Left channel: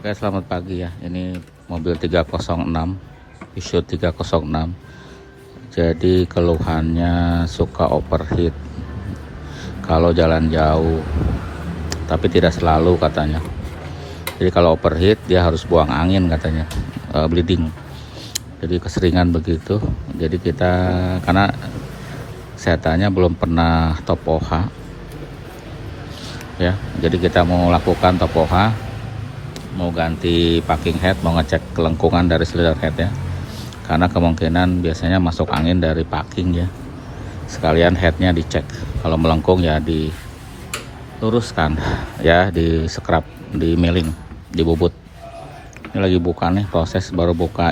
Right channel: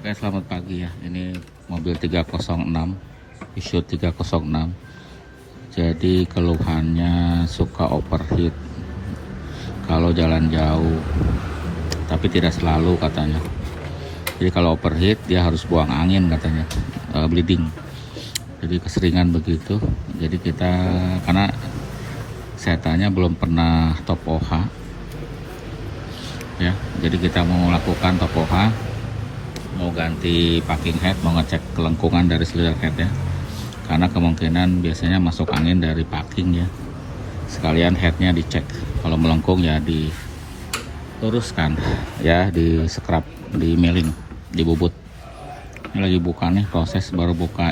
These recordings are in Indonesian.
Oke, selamat pagi ya. Ini mobil 306, Peugeot 306. Jadi keluhannya suka overheat kalau jalan jauh, tapi tidak selalu katanya. Jadi kalau overheat dia harus buang angin katanya, bleeding. Jadi keseringan begitu. Jadi kita karena saya tanya belum pernah top OH ya. Jadi kita mau lakukan top OH, mau ganti packing head, mau ngecek kelengkungan dari silinder head ya, karena kemungkinan biasanya masuk angin dari packing ya. Sekalian headnya dicek, kalau melengkung ya diluruskan ya, di scrub, di milling, dibubut. Ini lagi buka nih, proses baru buka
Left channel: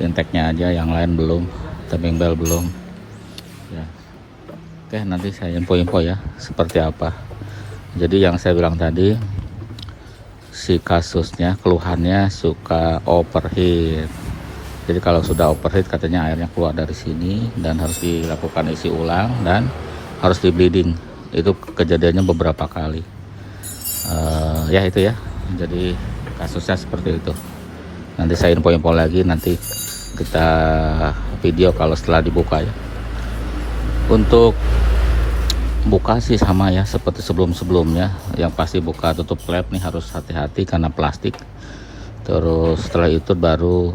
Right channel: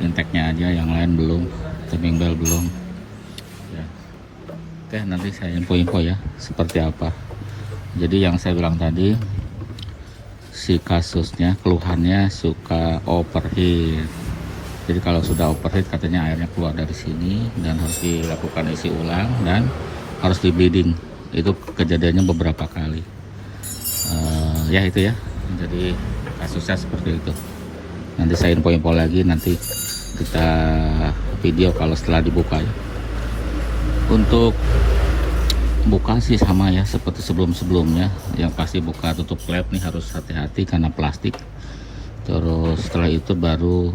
intake-nya aja, yang lain belum, timing belt belum ya. Oke, nanti saya info-info ya seperti apa. Jadi yang saya bilang tadi, si kasusnya keluhannya suka overheat. Jadi kalau sudah overheat katanya airnya keluar dari sini dan harus dilakukan isi ulang dan harus di bleeding. Itu kejadiannya beberapa kali. Ya itu ya. Jadi kasusnya seperti itu. Nanti saya info-info lagi, nanti kita video kalau setelah dibuka ya. Untuk buka sih sama ya seperti sebelum-sebelumnya, yang pasti buka tutup klep nih harus hati-hati karena plastik. Terus setelah itu baru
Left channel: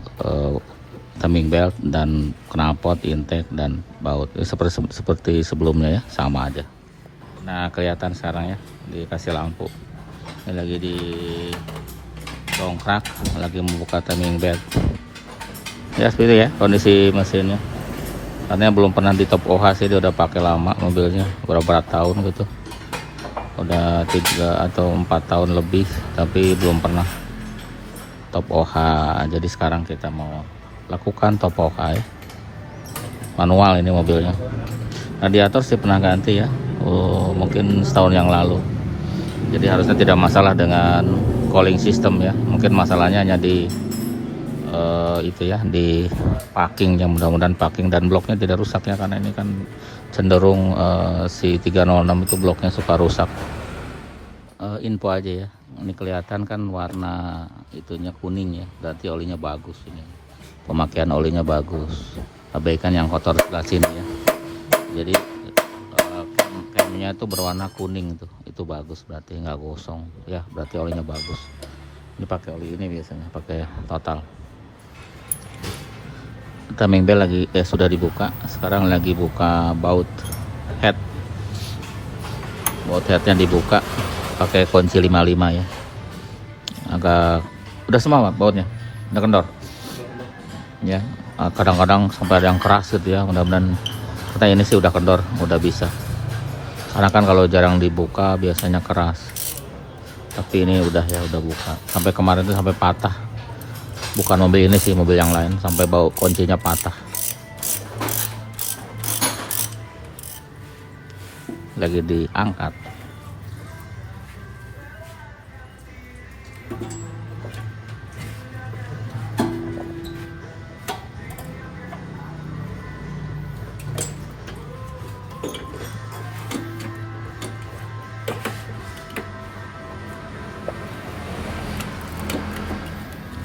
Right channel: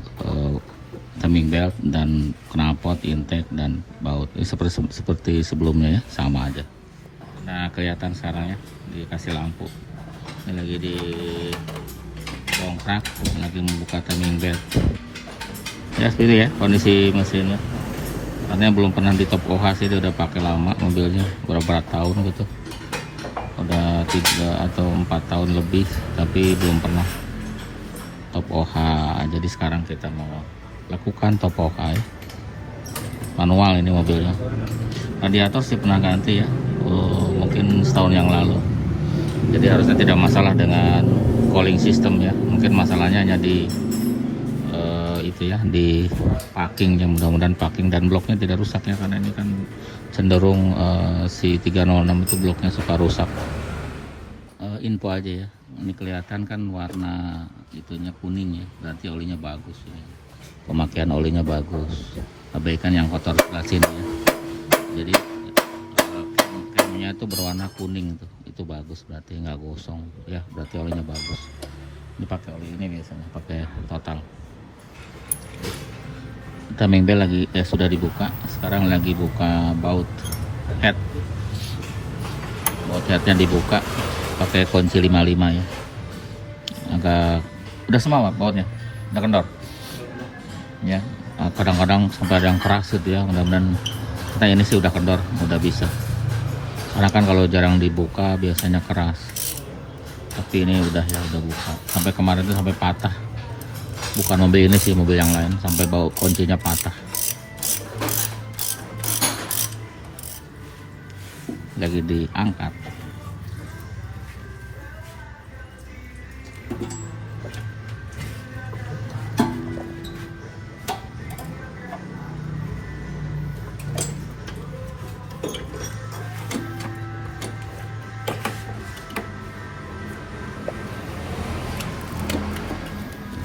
timing belt dan knalpot, intake dan baut seperti sebelumnya ya, sama aja. Nah kelihatan sekarang ya, dikasih lampu. Ini lagi di dongkrak, lagi membuka timing belt ya, seperti itu ya kondisi mesinnya. Karena belum pernah di top OH sih, dia udah pakai lama mobilnya, berapa tahun gitu, udah 3 atau 4 tahun lebih, tapi belum pernah top OH. Jadi sekarang kita mau lakukan top OH ya, manual ini mobilnya. Radiator sih pernah ganti ya, mungkin setahun yang lalu. Jadi harusnya tidak masalah dengan cooling system ya, mungkin masalahnya hanya di itu ya, di packing ya. Mudah-mudahan packing dan bloknya tidak rusak ya, karena ini kan cenderung si 306 itu bloknya suka rusak. Info aja ya, ini kelihatan kan warna itunya kuning ya, berarti olinya bagus ini. Pemakaian olinya bagus. Abaikan yang kotor sebelah sini ya. Jadi camnya itu berwarna kuning, itu bagus, berarti nggak gosong ya, berarti olinya bagus. Ini pakai oli ini biasanya, pakai total. Timing belt lagi sudah dibuka, sekarang lagi buka baut head. Baut headnya dibuka pakai kunci 55 ya. Agak udah semua bautnya, udah kendor ya. Kadang-kadang sampai ada yang keras gitu ya, mudah-mudahan kita ini sih udah kendor, udah bisa. Karena kan kalau jarang dibuka biasanya keras, tapi ini udah ya, udah buka. Sampai kemarin tuh sampai patah, bukan mobil ini sih, mobil yang lain, sampai baut kuncinya patah. Lagi diangkat.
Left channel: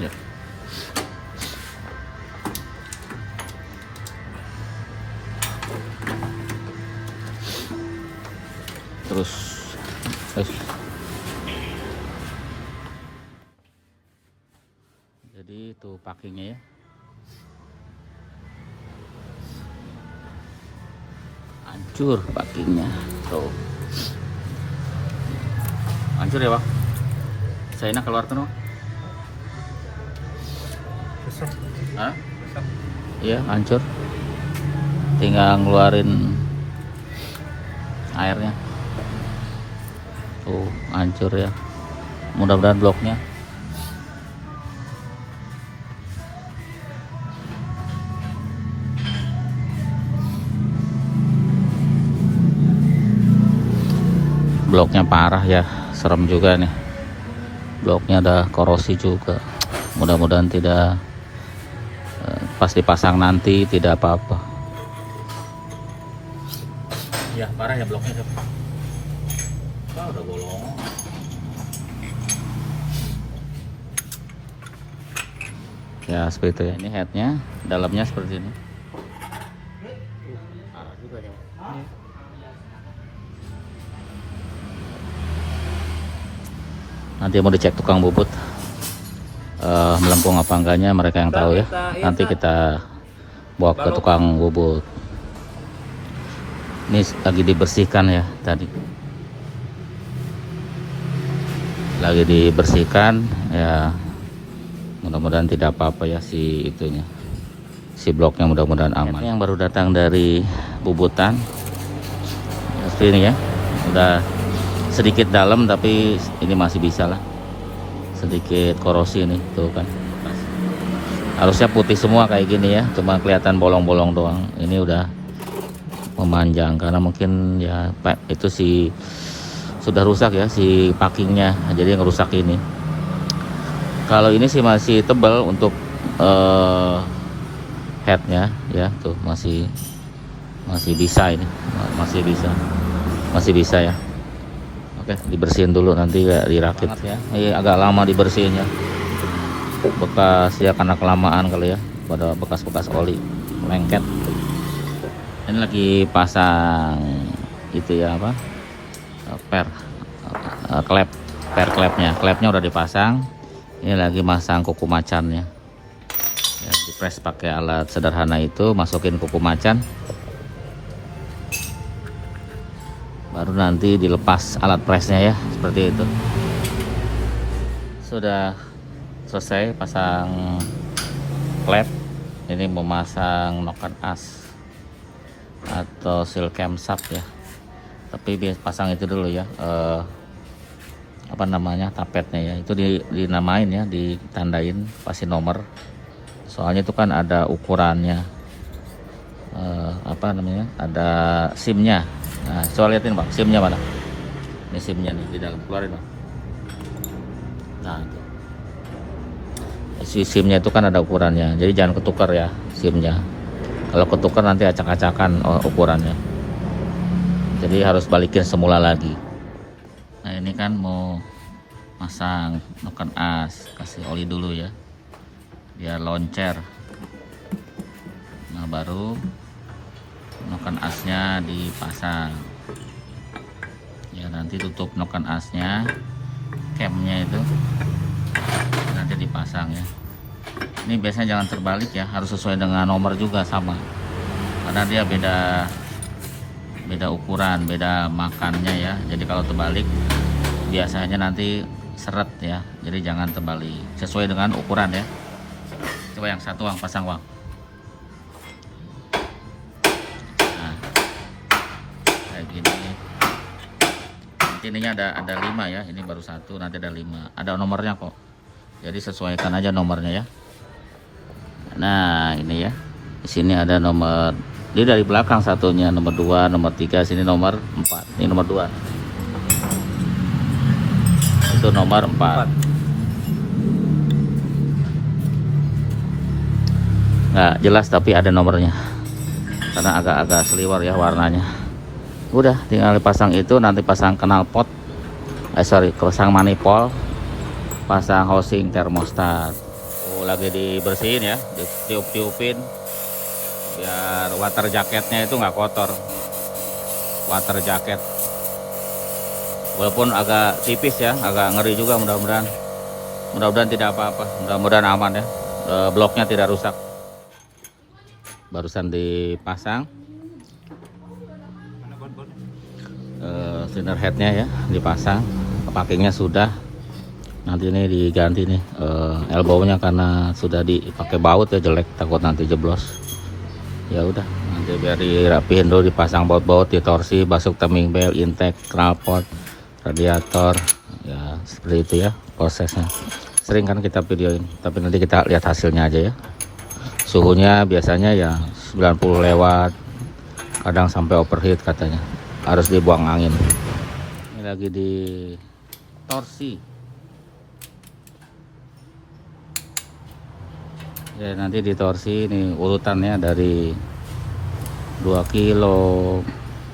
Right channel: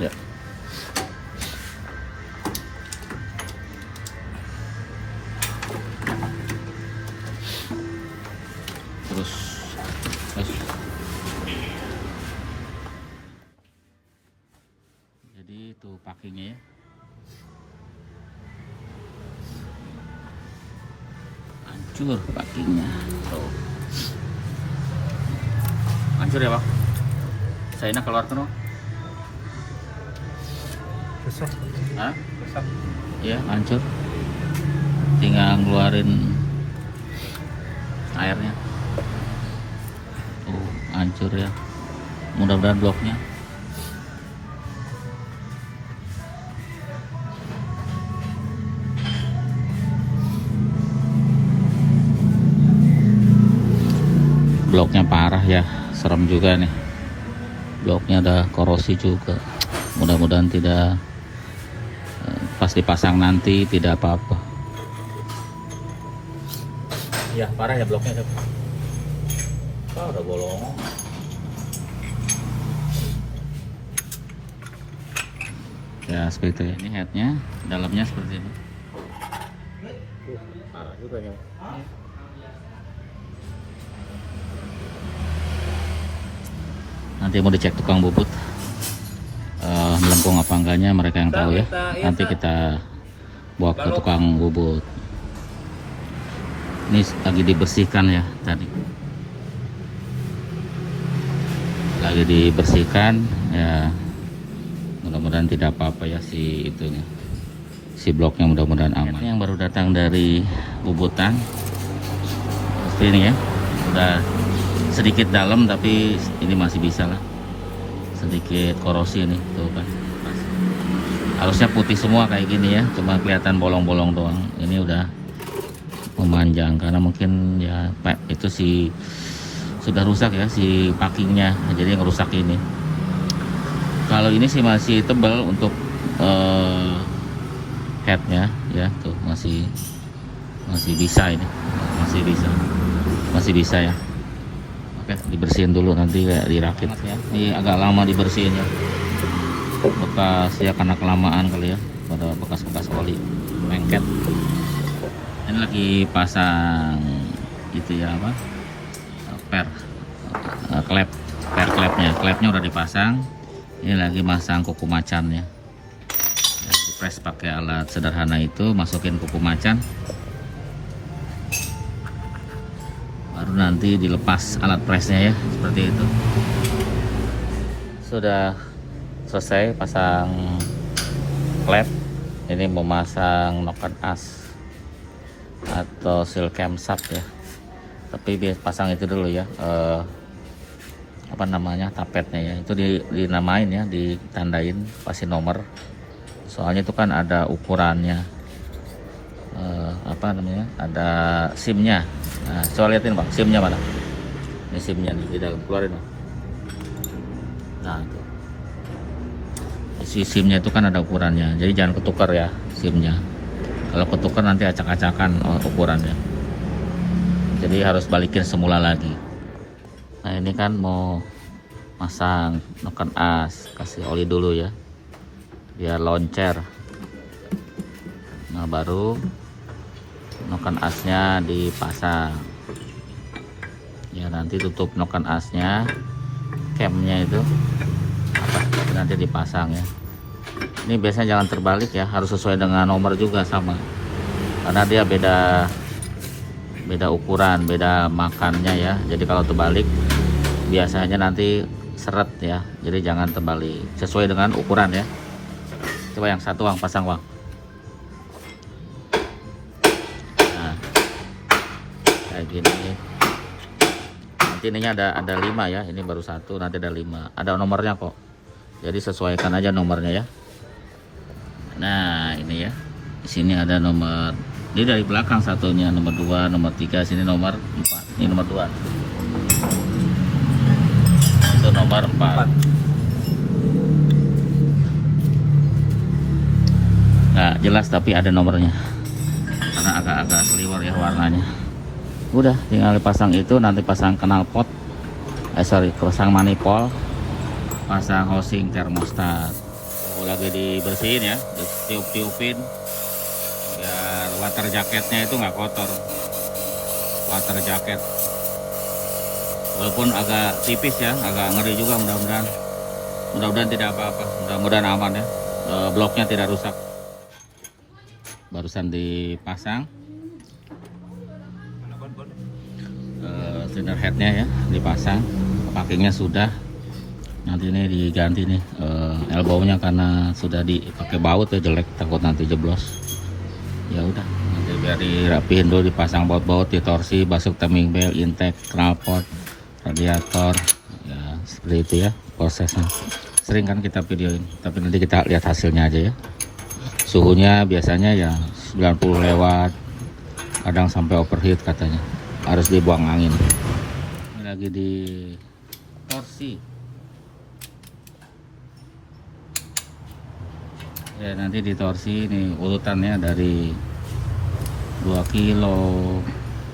Ya. Terus jadi itu packingnya ya. Hancur packingnya tuh, hancur ya Bang. Saya keluar tuh no. Hah? Iya hancur, tinggal ngeluarin airnya tuh, hancur ya. Mudah-mudahan bloknya parah ya, serem juga nih, bloknya ada korosi juga. Mudah-mudahan tidak, pas dipasang nanti tidak apa-apa ya. Parah ya bloknya, udah bolong. Ya seperti itu ya. Ini headnya, dalamnya seperti ini. Parah juga ya. Nanti mau dicek tukang bubut melengkung apa enggaknya, mereka yang tahu ya. Nanti kita bawa ke tukang bubut. Ini lagi dibersihkan ya tadi. Lagi dibersihkan ya, mudah-mudahan tidak apa-apa ya si itunya, si bloknya, mudah-mudahan aman. Ini yang baru datang dari bubutan ini ya, udah sedikit dalam tapi ini masih bisa lah, sedikit korosi nih tuh kan. Harusnya putih semua kayak gini ya, cuma kelihatan bolong-bolong doang. Ini udah memanjang karena mungkin ya itu sudah rusak ya si packingnya, jadi ngerusak ini. Kalau ini sih masih tebal untuk headnya ya, tuh masih bisa ini, masih bisa ya. Oke, dibersihin dulu nanti ya, dirakit ya. Ini agak lama dibersihinnya, bekas ya karena kelamaan kali ya, pada bekas-bekas oli lengket. Ini lagi pasang itu ya apa, klepnya udah dipasang. Ini lagi masang kuku macannya ya, dipres pakai alat sederhana itu, masukin kuku macan, baru nanti dilepas alat presnya ya, seperti itu. Sudah selesai pasang klep. Ini memasang noken as atau seal cam sub ya, tapi biar pasang itu dulu ya, apa namanya, tapetnya ya, itu dinamain ya, ditandain, pasti nomor, soalnya itu kan ada ukurannya, apa namanya, ada simnya. Nah, coba liatin Bang, simnya mana? Ini simnya nih di dalam, keluarin Bang. Nah, si simnya itu kan ada ukurannya, jadi jangan ketukar ya simnya. Kalau ketukar nanti acak-acakan ukurannya, jadi harus balikin semula lagi. Nah ini kan mau masang noken as, kasih oli dulu ya biar loncer. Nah baru noken asnya dipasang ya, nanti tutup noken asnya, camnya itu nanti dipasang ya. Ini biasanya jangan terbalik ya, harus sesuai dengan nomor juga sama, karena dia beda ukuran, beda makannya ya. Jadi kalau terbalik biasanya nanti seret ya, jadi jangan terbalik, sesuai dengan ukuran ya. Coba yang satu Bang, pasang Bang. Nah kayak gini. Nanti ininya ada 5 ya, ini baru 1, nanti ada 5, ada nomornya kok, jadi sesuaikan aja nomornya ya. Nah ini ya, di sini ada nomor, dia dari belakang satunya nomor 2, nomor 3, sini nomor 4, ini nomor 2, itu nomor 4. Nah jelas tapi ada nomornya, karena agak-agak seliwer ya warnanya. Udah tinggal dipasang itu, nanti pasang knalpot, pasang manifold, pasang housing termostat. Lagi dibersihin ya, ditiup-tiupin biar water jaketnya itu nggak kotor. Water jaket walaupun agak tipis ya, agak ngeri juga, mudah-mudahan tidak apa-apa, mudah-mudahan aman ya, bloknya tidak rusak. Barusan dipasang cylinder headnya ya, dipasang, packingnya sudah. Nanti ini diganti nih elbownya, karena sudah dipakai baut ya, jelek, takut nanti jeblos. Ya udah, nanti biar dirapihin dulu, dipasang baut-baut, ditorsi, masuk timing belt, intake, knalpot, radiator ya, seperti itu ya prosesnya. Sering kan kita videoin, tapi nanti kita lihat hasilnya aja ya. Suhunya biasanya ya 90 lewat, kadang sampai overheat katanya, harus dibuang angin. Ini lagi di torsi ya, nanti ditorsi. Ini urutannya dari 2 kilo,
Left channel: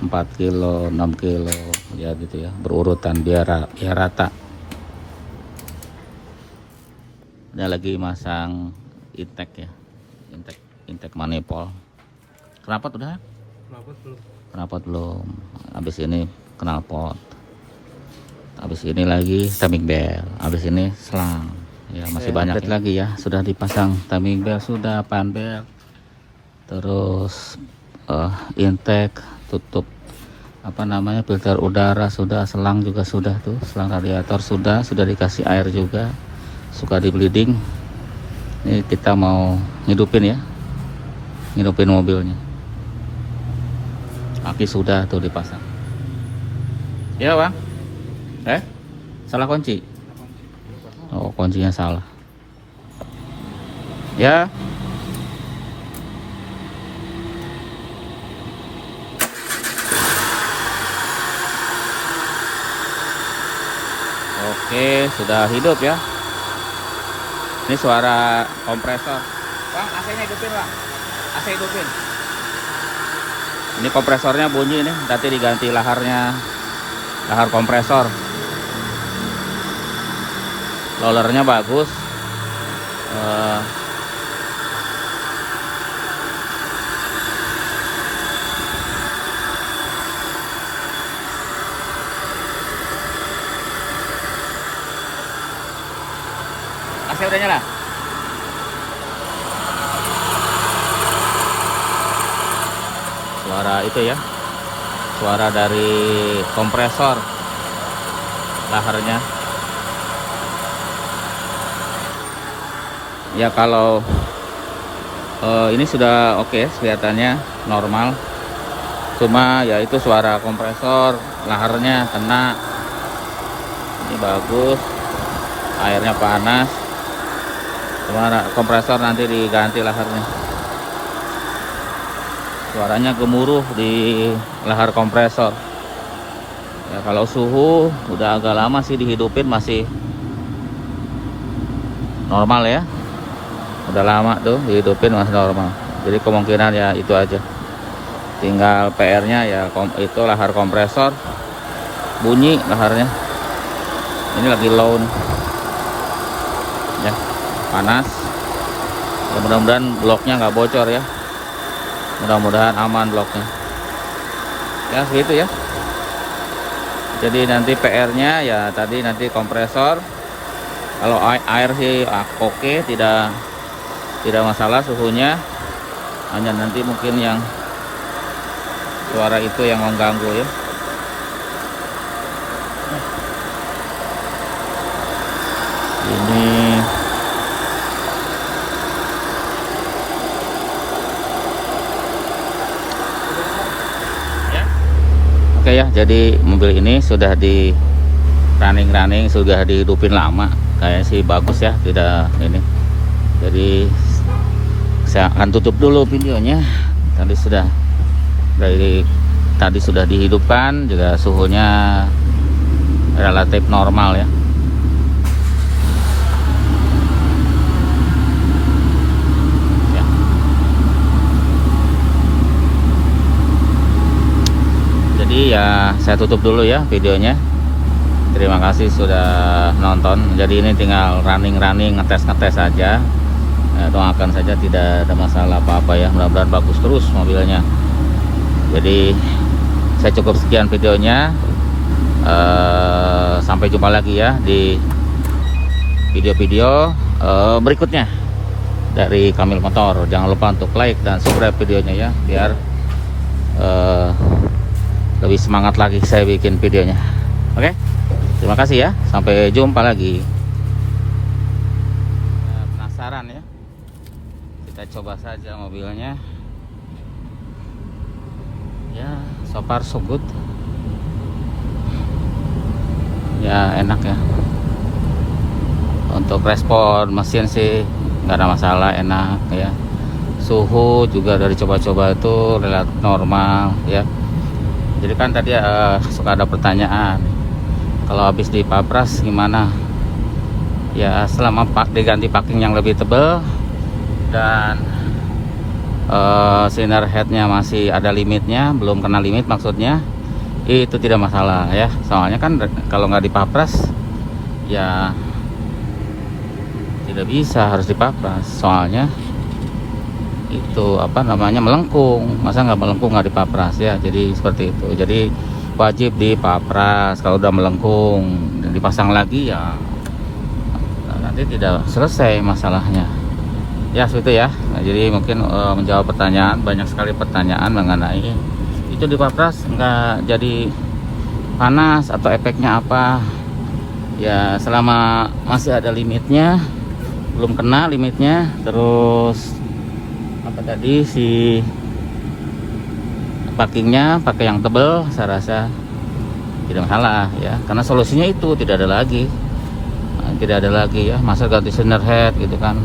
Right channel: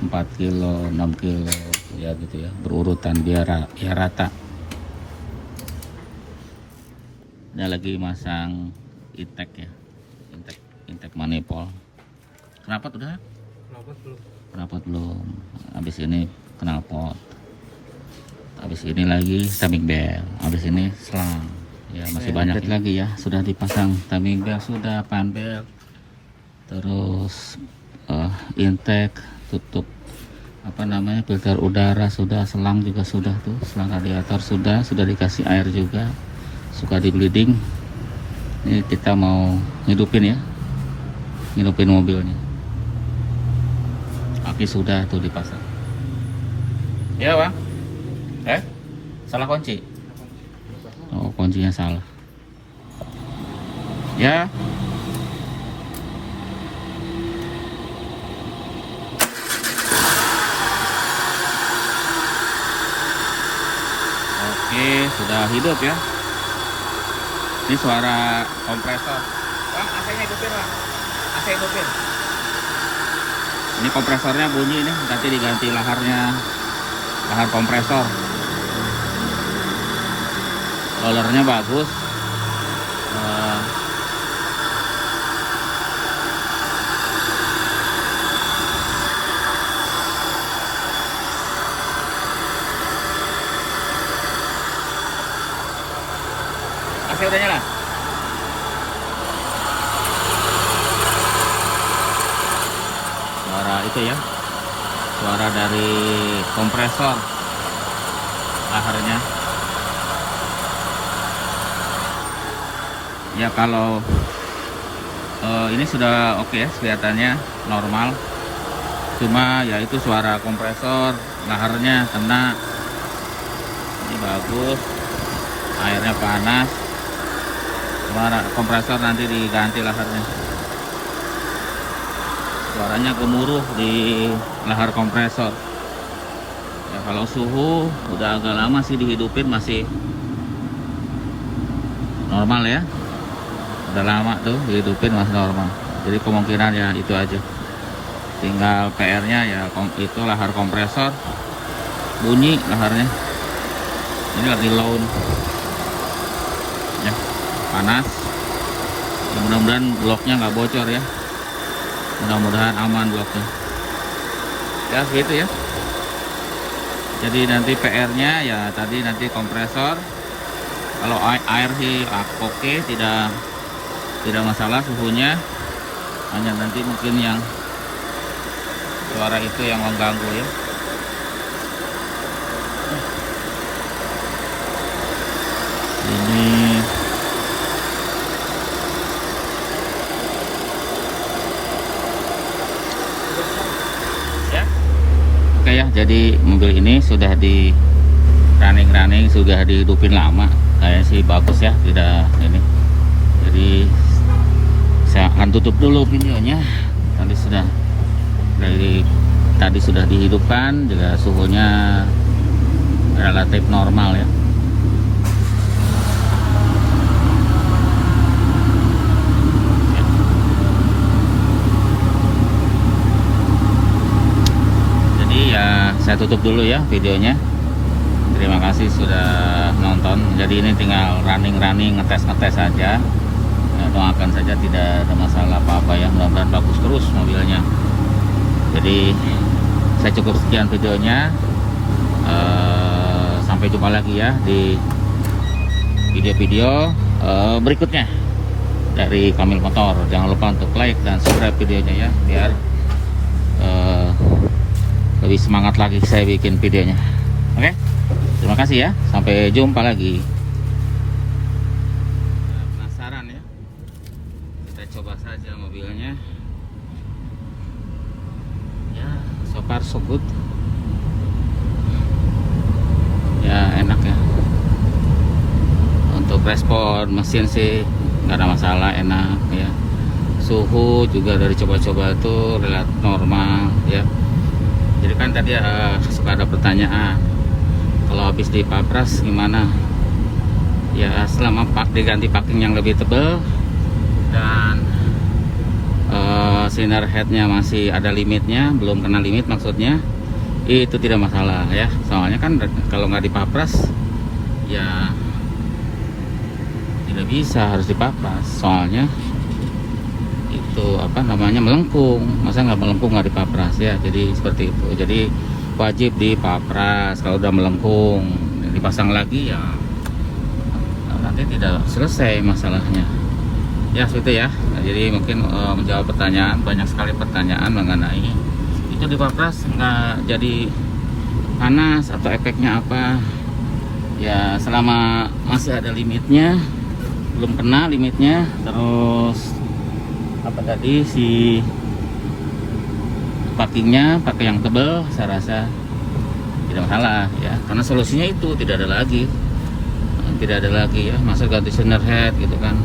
4 kilo, 6 kilo ya gitu ya, berurutan biar rata. Ini lagi masang intake ya, intake manifold. Knalpot udah? Knalpot belum. Habis ini knalpot. Habis ini lagi timing belt. Habis ini selang. Ya masih banyak lagi ya. Sudah dipasang timing belt, sudah pan belt. Terus intake, tutup apa namanya filter udara sudah, selang juga sudah tuh, selang radiator sudah dikasih air juga, suka di bleeding. Ini kita mau nyedupin ya, nyedupin mobilnya. Aki sudah tuh dipasang. Ya bang, salah kunci. Oh kuncinya salah. Ya. Oke, sudah hidup ya. Ini suara kompresor. Bang, AC-nya hidupin, Bang. AC hidupin. Ini kompresornya bunyi nih, nanti diganti laharnya, lahar kompresor. Rollernya bagus. AC udah nyala. Suara itu ya, suara dari kompresor laharnya. Ya kalau ini sudah oke, kelihatannya normal. Cuma ya itu suara kompresor laharnya kena. Ini bagus, airnya panas. Karena kompresor nanti diganti laharnya. Suaranya gemuruh di lahar kompresor. Ya, kalau suhu udah agak lama sih dihidupin masih normal ya. Udah lama tuh dihidupin masih normal. Jadi kemungkinan ya itu aja. Tinggal PR-nya ya itu lahar kompresor. Bunyi laharnya. Ini lagi low. Ya, panas. Mudah-mudahan bloknya nggak bocor ya. Mudah-mudahan aman bloknya. Ya gitu ya. Jadi nanti PR-nya ya tadi nanti kompresor. Kalau air sih oke, tidak masalah suhunya. Hanya nanti mungkin yang suara itu yang mengganggu ya. Ini ya. Oke ya, jadi mobil ini sudah di running sudah dihidupin lama. Kayak sih bagus ya, tidak ini. Jadi saya akan tutup dulu videonya. Tadi sudah dihidupkan, juga suhunya relatif normal ya. Jadi ya saya tutup dulu ya videonya. Terima kasih sudah nonton. Jadi ini tinggal running ngetes saja. Doakan saja tidak ada masalah apa-apa ya. Mudah-mudahan bagus terus mobilnya. Jadi saya cukup sekian videonya. Sampai jumpa lagi ya di video-video berikutnya dari Kamil Motor. Jangan lupa untuk like dan subscribe videonya ya, biar lebih semangat lagi saya bikin videonya. Oke, terima kasih ya, sampai jumpa lagi. Penasaran ya, kita coba saja mobilnya. Ya, so far so good. Ya enak ya. Untuk respon mesin sih nggak ada masalah, enak ya. Suhu juga dari coba-coba itu relatif normal ya. Jadi kan tadi suka ada pertanyaan, kalau habis dipapras gimana? Ya selama diganti packing yang lebih tebal dan cylinder headnya masih ada limitnya, belum kena limit maksudnya, itu tidak masalah ya. Soalnya kan kalau nggak dipapras ya tidak bisa, harus dipapras. Soalnya itu apa namanya, melengkung. Masa nggak melengkung nggak dipapras ya? Jadi seperti itu. Jadi wajib dipapras. Kalau udah melengkung dan dipasang lagi ya nanti tidak selesai masalahnya. Ya seperti itu ya. Nah, jadi mungkin menjawab pertanyaan, banyak sekali pertanyaan mengenai itu dipapras nggak jadi panas atau efeknya apa. Ya selama masih ada limitnya, belum kena limitnya, terus apa tadi si packingnya pakai yang tebel, saya rasa tidak masalah ya, karena solusinya itu tidak ada lagi. Tidak ada lagi ya, masa ganti cylinder head gitu kan.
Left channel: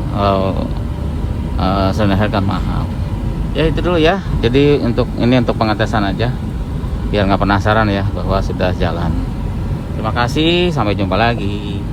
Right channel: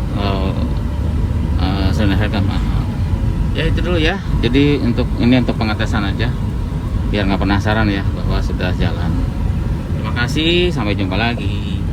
Cylinder head kan mahal ya. Itu dulu ya, jadi untuk ini untuk pengetesan aja biar nggak penasaran ya bahwa sudah jalan. Terima kasih, sampai jumpa lagi.